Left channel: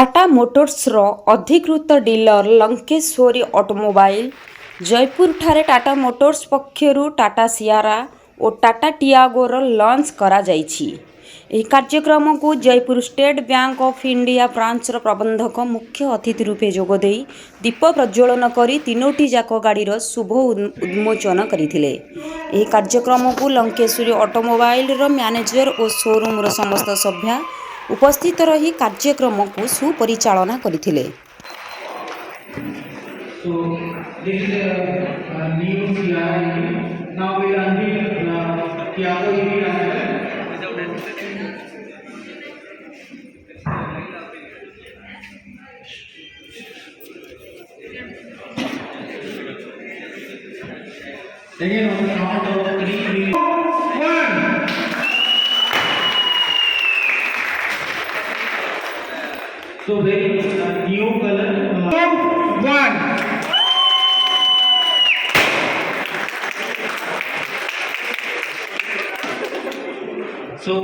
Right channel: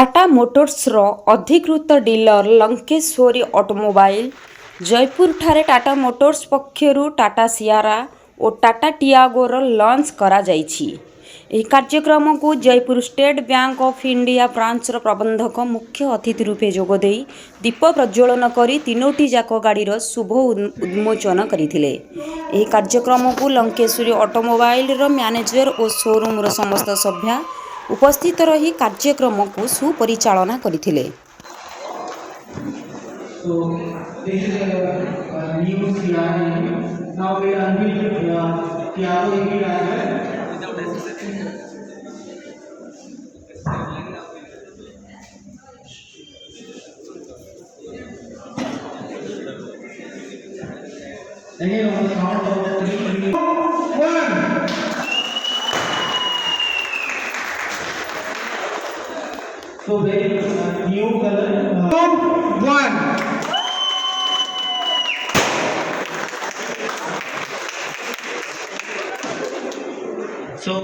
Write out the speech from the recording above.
टाटा मोटर्सर अधिकृत डीलर लंकेश्वरी ऑटोमोबाइल जयपुर ठारे टाटा मोटर्स पक्षरु टाटा सियारा और टाटा टियागोर लॉन्च करा जायछि। ଏହି କାର୍ଯ୍ୟକ୍ରମକୁ Jeypore State Bank of India ବ୍ରାଞ୍ଚର ପ୍ରବନ୍ଧକ ମୁଖ୍ୟ ଅତିଥି ରୂପେ ଯୋଗଦେଇ ଦୀପ ପ୍ରଜ୍ୱଳନ କରି ତିନୋଟି ଯାକ ଗାଡ଼ିର ଶୁଭ ଉନ୍ମୋଚନ କରିଥିଲେ। ଏହି କାର୍ଯ୍ୟକ୍ରମକୁ ଲଙ୍କେଶ୍ୱରୀ ଅଟୋମୋବାଇଲର ମ୍ୟାନେଜର ଓ ଶୋରୁମର ସମସ୍ତ ସଭ୍ୟା ଉପସ୍ଥିତ ରହି କାର୍ଯ୍ୟକ୍ରମକୁ ସୁପରିଚାଳନା କରିଥିଲେ। Again, on the count of 3, 2, 1. So there is a new color. 1. So